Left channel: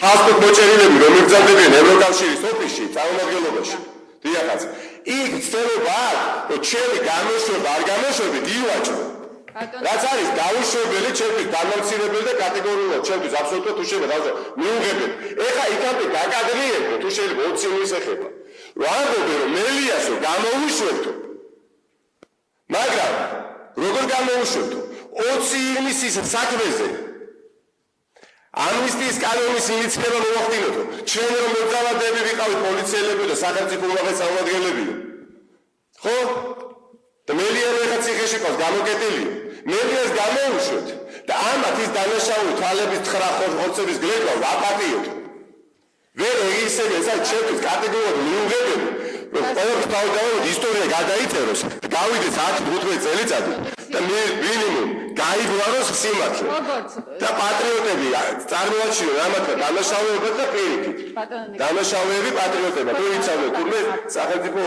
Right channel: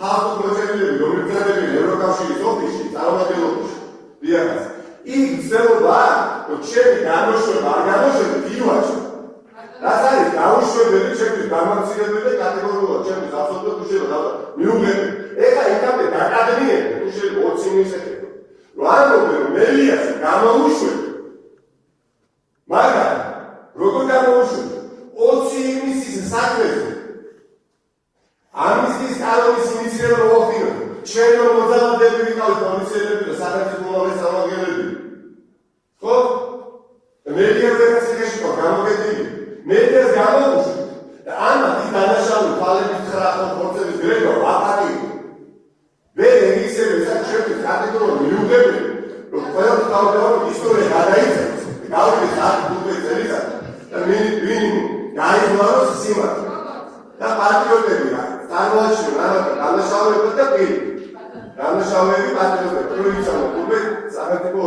ხალხო მოჭერილები რომ იგზავნებიან ევროკავშირის ოფისში წარმომადგენლობაში დიახაც იქ ცდილობა რომ ჩემი განმოშვება არ განმოშვებით ივაჭო რაც არის დაუშვებელი ჩემთვის დამამცირებელი და კატეგორიულად ჩემთვის აბსოლუტურად უშედეგო მიუღებელი ეხა იქამდე დაკადრიებო თუ შეიძლება 20 მილის ეხება რომ ამბობენ რომ მელიას რომ გამოუშვებთ მაგრამ როგორ გამოუშვებთ 20 ივლისის საქმეზე ამნისტიის კანონის ინიციატივა მოახდინოთ ჩვენ რომ მოძალადები ვიყავით პოლიციელები და სახელმწიფო წარმომადგენლები ხო მელიას რაღაც ციხეში ყავს გამოგედილი მელიას გამოუშვებთ და ამათ ის დანაშაული თვალების 9 ხორცების გრეგო აპატიოთ ვერ ისევე საერთოდ კატეგორიული მიუღებელი რომ ყველაფერს თავდავარად ისტორია გადაიწეროს დავიდეს 10-15 წელიწადი და მინიმუმ გაიგონოს სიმართლე და პატრიოტები წარმოაჩინონ რამათა დანაშაულებად და პირიქით დანაშაულები პატრიოტები როიცამო თურმე სახელმწიფო